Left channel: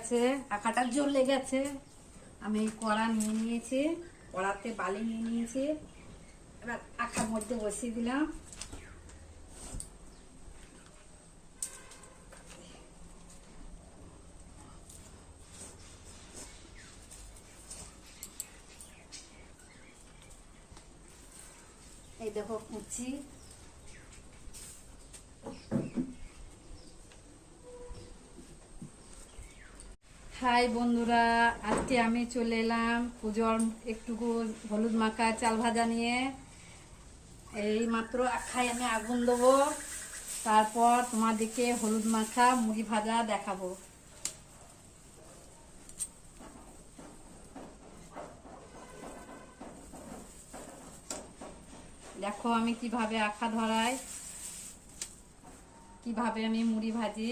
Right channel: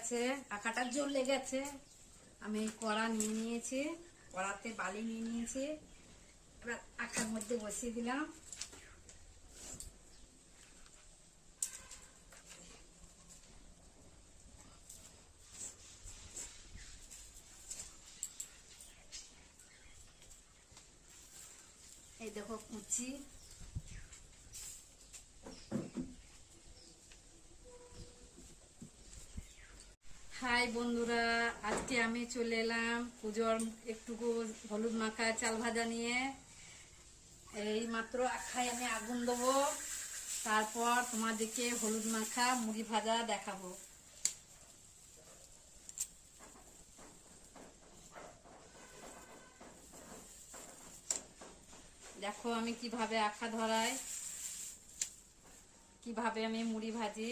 গেছে, আখাটা জ্বলে গেছে। আমি কড়া নিয়ে নিয়েছি, কড়াতে বালি নিয়ে নিয়েছি। এবার আখার মধ্যে বসিয়ে দিলাম। এই দেখো কুচি। হাই বন্ধুরা, আজকে আমি চলে এলাম পুজোর একটুকু হলুদ মাখা চাল ভাজা নিয়ে। এই মাত্র আখায় আমি আগুন দেবো, তারপর তোমাদেরকে হলুদ মাখা মুড়ি ভাজা দেখাবো। দেখো আমি কিভাবে আখা ধরাই, কিভাবে আমি মুড়ি ভাজি।